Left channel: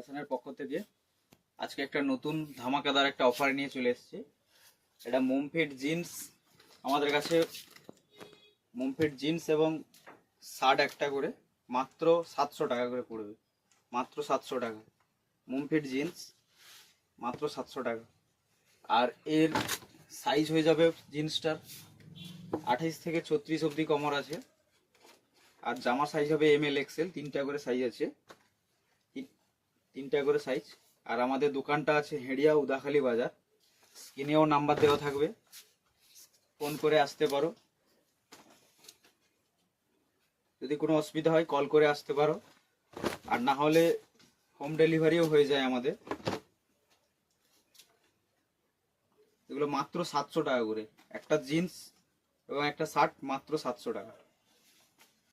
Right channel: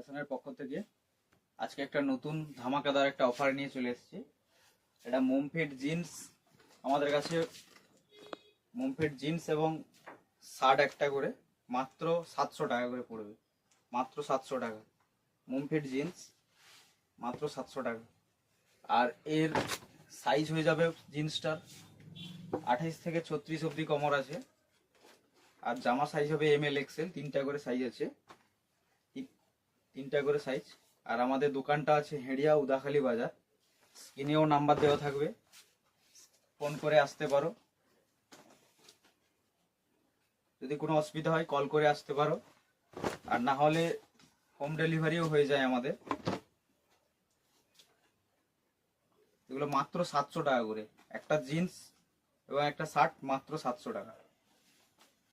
ফ্যাশনের পক্ষ থেকে আজকে একটা নতুন ধামাকাদার একটা অফার নিয়ে চলে এসেছি। এটা মুমফিট জিন্স, আমাদের কাছে মুমফিট জিন্স এবং শার্ট একটা করে মাত্র 700 টাকা করে পড়বে। মাত্র 700 টাকা মুমফিট জিন্স, মাত্র 700 টাকা। আর এর সাইজ হয়ে যাবে জিন্সটার 28 থেকে 36 অবধি কমর আছে। আর জামা সাইজ হবে ML XL, তিনটা করে সাইজ আছে, তিনটা করে সাইজ। আর আমাদের দোকানটা আছে হেড়িয়া উদাখালি বাজার। স্ক্রিনেও নাম্বার দেওয়া থাকবে, ফোন করে আসতে পারো। যদি কোনো অসুবিধা হয় কল করে আসতে পারো, আর না হলে হোম ডেলিভারিও হয়ে যায় আমাদের। এগুলো মাত্র 700 টাকা করে, একটা জিন্স এবং একটা শার্ট মাত্র 700 টাকা।